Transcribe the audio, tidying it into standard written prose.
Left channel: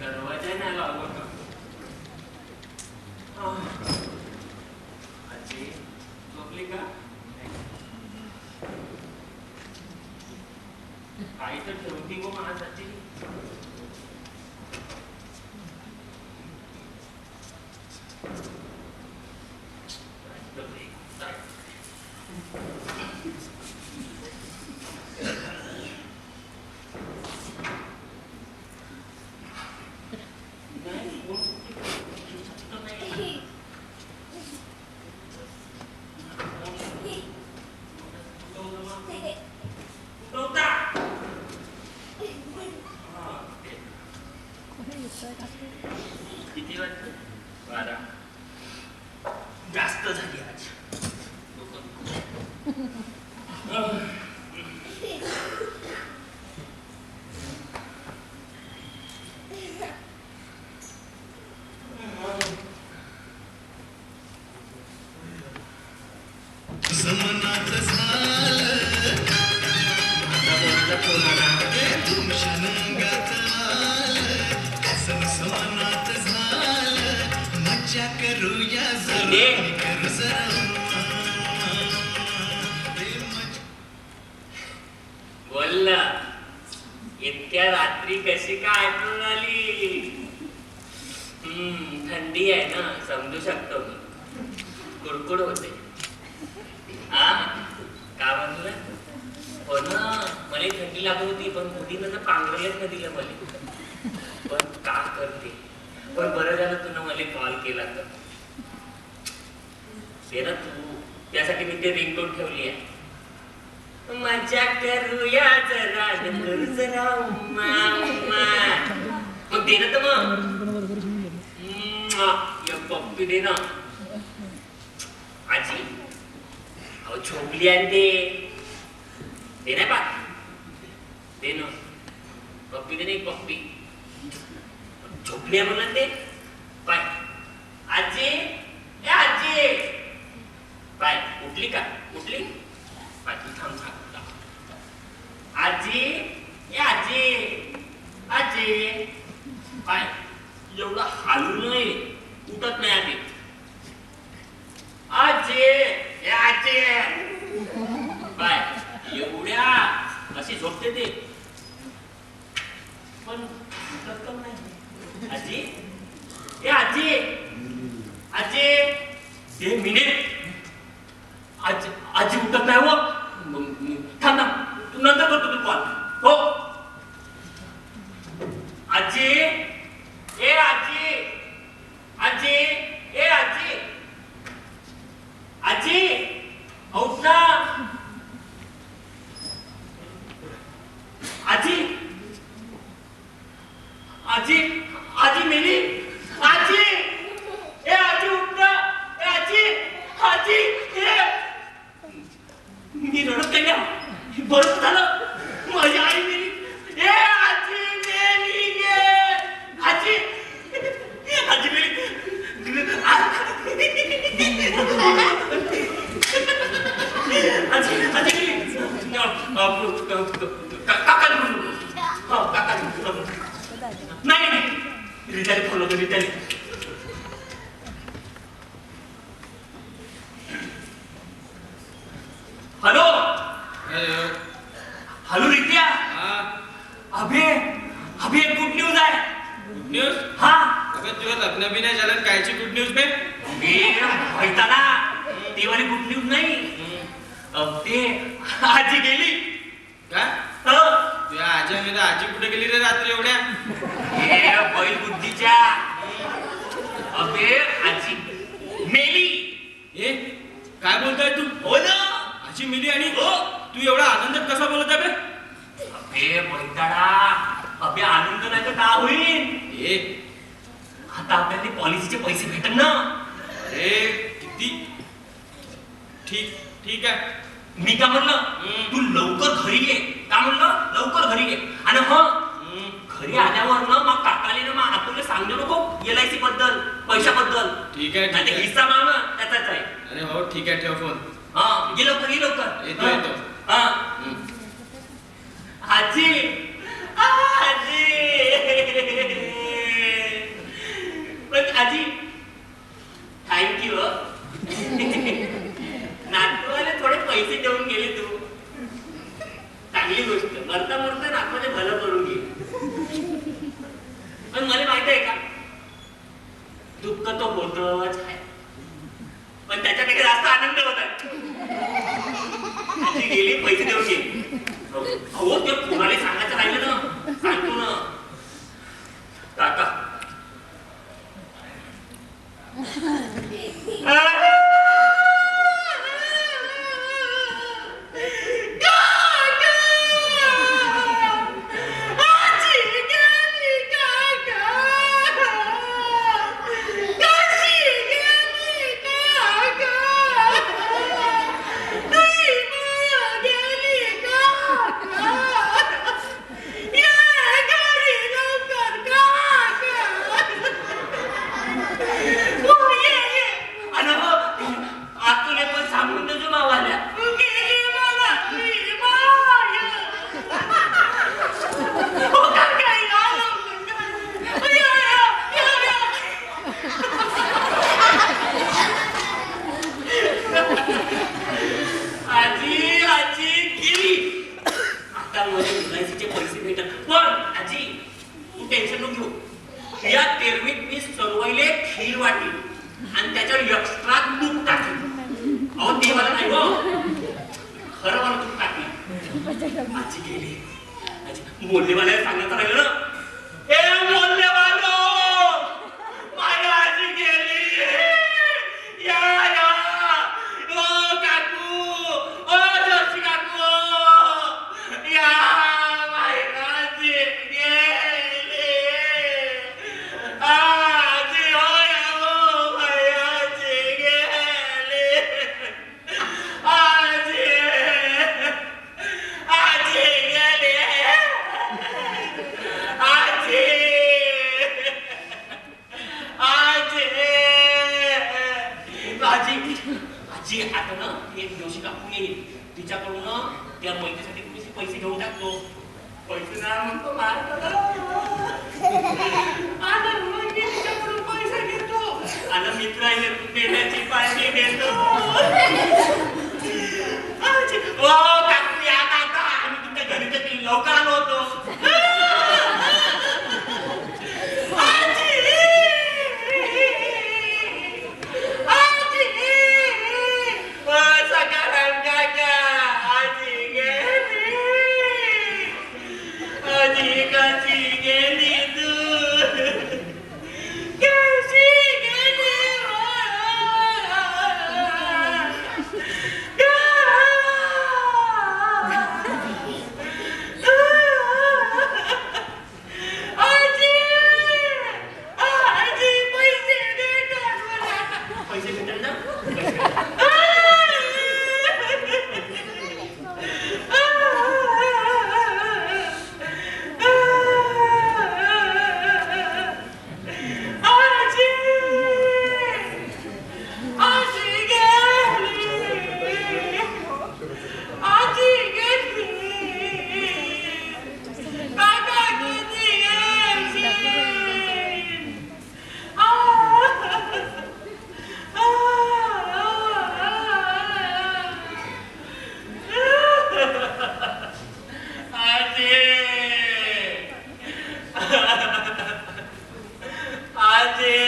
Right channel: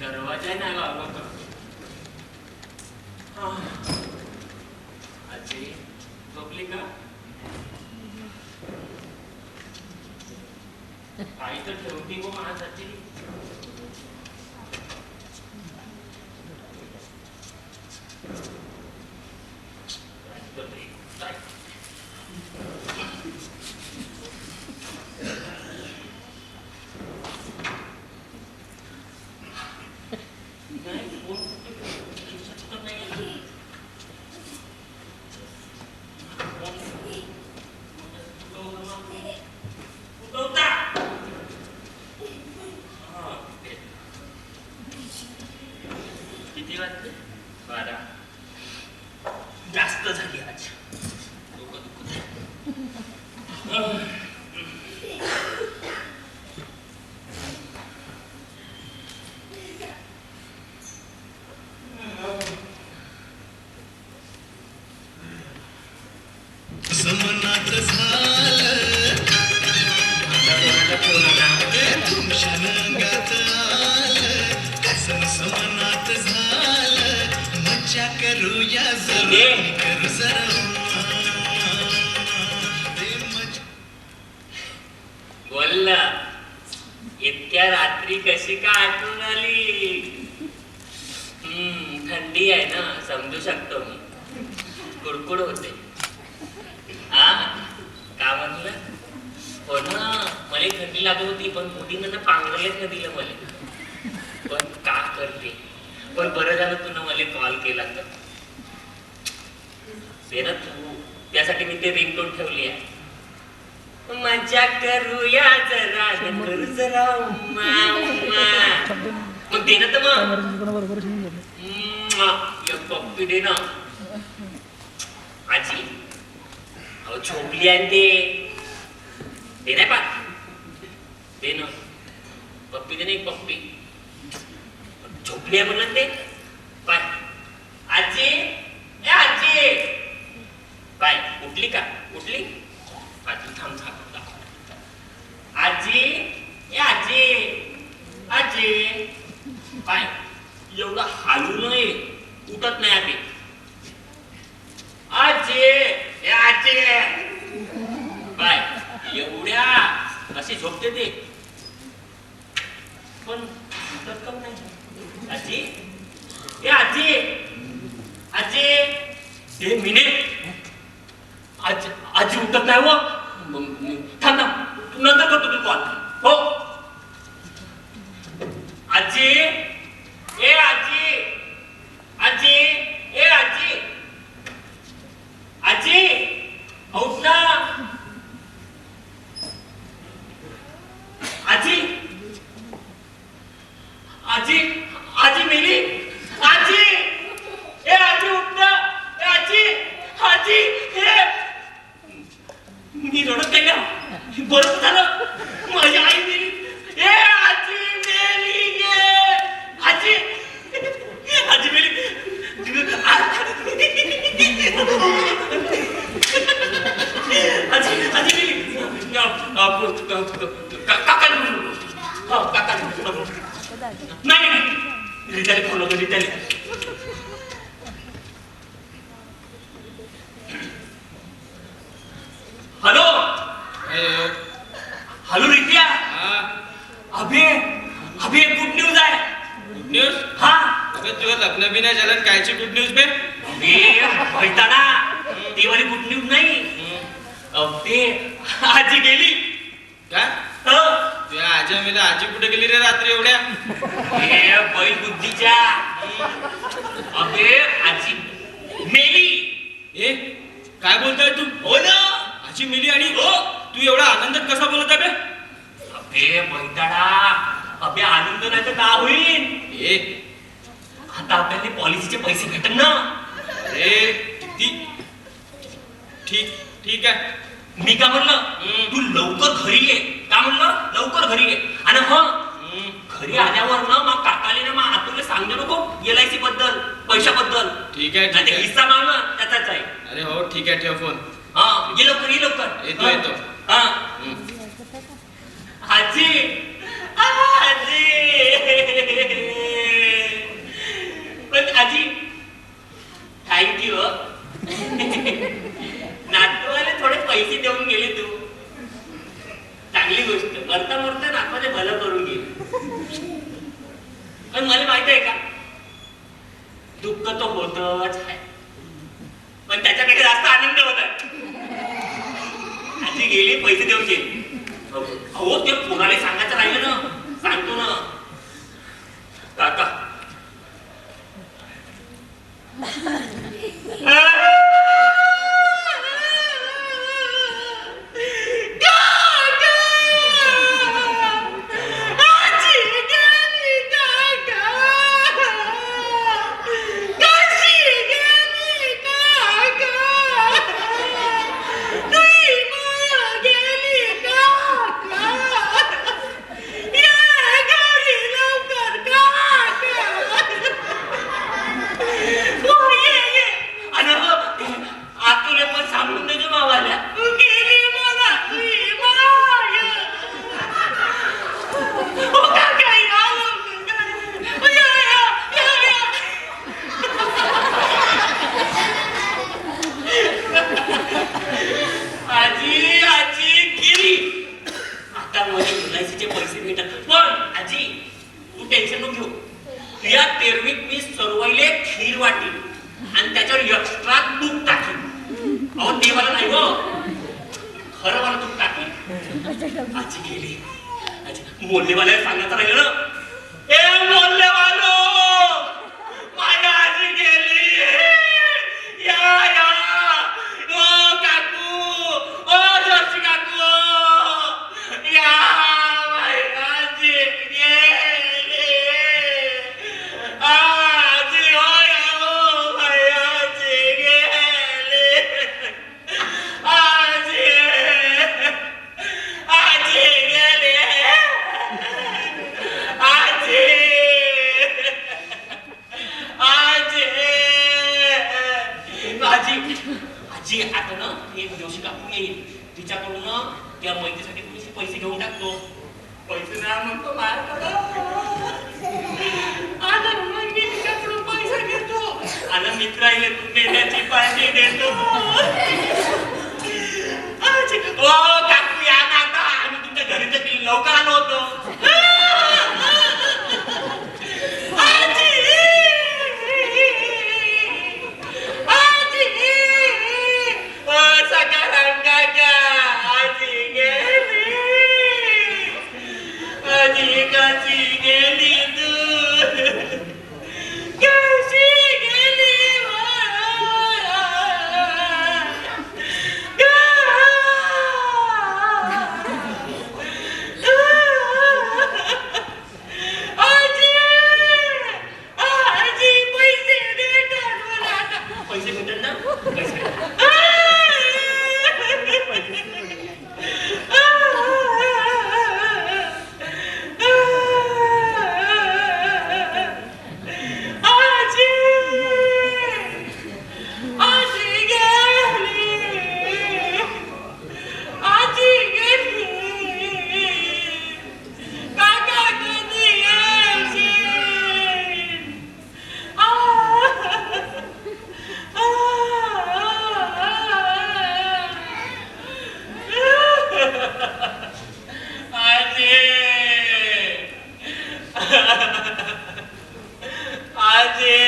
दरवाजा नाही लावला का? आजी झोपली का? काही तर ठेवती गो माझ्यासाठी. किती वाजले? 12. जास्त झाली आज. डोकं दुखत आहे. समनात झालं आता कोणाचा फोन आला? तुमशनंगात आलं कसं समनात झालं मज्जा करूया जरूर करू जरा बोल ना, इतक्या रात्री कशी का आठवण आली? थंडी आहे ना, समजू शकतो मी. कुडकुड होते. का म्हणलं? हो ना, मला थंडी लागत होती, पण मुलीनं पांघरायलाच न दिलं मला. पण का करते? पण बरं झालं तुला मला कॉल केला तर. ते ना तू, त्यासाठी मी ते रिंगटोन ठेवली आहे. मजा करूया जरा, करू जरा उम्मा उम्मा. मग दे ना तर मग पप्पी दे ना आजी. अहो झोपली आहे ते नाही पा दे ना पप्पी दे. नाही पप्पी झोपली आहे म्हणलं ते पाय. आजी ए आजी पाय. उठली का? उठली पाय. तू थांब थांब. आजी ए आजी आजी पाय. एवढं हालू नये, उठत नाही आधी. आजी ए आजी बाय. एवढ्या अशी झोपते ते, पण उठत का नाही? आजी ए आजी आजी ए मिनिट. आजी उठत नाही हो. थांब ना, तू नंतर करतो तू कॉल. हो आजी ए आजी आजी ए आजी आजी उठ ना. आजी आजी आजी मेली. आजी ए आजी उठ ना. ए आजी आजी ए. मी रडत नाही ना. बरं झालं माझी आई मेली. ए आजी मेली. आजी आजी मेली. आजी आजी मेली. काका नाही रिटाली फोन होतो. रिटाली हॅलो हॅलो रित्या. अभे अभे गुड न्यूज आहे. Good news? हा अबे तुझं लग्न बी नाही झालं, कायची गुड न्यूज बे? ना ती वाली गुड न्यूज नाही. ते आजी गेली. काय? तुझ्या आजी मेला. आजी कुठे गेली रे रात्री एवढ्या? बैल बुद्धीच्या. अबे आजी मेली. ए काय बोलतोय तू? हो ना आजी मेली. आणि हो तू एवढा आनंदात कसा बोलत आहे बे? अबे बैताडा. अबे आनंद नाही तर का होईल? ए आता आपल्याला पॉलिसीचे पैसे भेटन ना. अरे किती ठीक ठीक आहे. मी का म्हणलं तू लवकर घरी ये. का म्हणलं लवकर घरी ये. आणि घरी आल्यावर ना मग काकाले ना मग आतुले सांगू नको LIC बद्दल पैशाबद्दल. ठीक आहे हिस्सा मागणं त्याचाच आहे. अरे हो ठीक आहे ठेव फोन. हा ये लवकर ये लवकर. येतो येतो. हा हम्म. आजी आजी पण आजी थँक्यू. नातवाला थोडे पैसे देऊन गेले तू. चांगली गोष्ट. मरता मरता नातवाने भलं करून गेले. पण मला माहिती आहे का दुःख तो होतच आहे पण त्याच्यापेक्षा जास्त आनंद होता. आजी गेली पैसे देऊन गेली. अहो ते कोणाला सांगायचं राहिलं ना सांगतो ना काका. आतुले पण सांगून देतो मावाल्या. गेली मला तुझी माय. हो काका या लवकर. या. आजी आजी गेली. आता मला एलआयसीचे पैसे भेटत. पण आजी तू टेन्शन नको घेऊ. या तेरवीत मी सर्वाईले खीर वाटी आणि त्याच्यावर एक्स्ट्रा तूप टाकली. अहो ते मला नाही हो खरं मला तूप टाकली. आजी गेली. आजी मोल्लेवाल्याला सांगण्यात राहिलं ना. ए मोल्लेवालो माझ्या आजी गेली. या ओ काकू ओ जोशी काकू या माझी आजी गेली. आजी हो माझी आजी गेली. आजी गेली. आजी आता ना एक जोशी काकून येईल. तिच्याकडून ना त्या मैत्रीसाठी थोडेसे पैसे घेऊन टाकतो. पैसे नाही म्हणतो माझ्याकडं. आता मग मी तिच्याकडून पैसे घेतो आणि मित्राला देण्याची पार्टी देतो. ओ काकू या काका आम्ही तुमच्या घरी तर लवकर आलो होतो. पैसे भेटेल ना आजी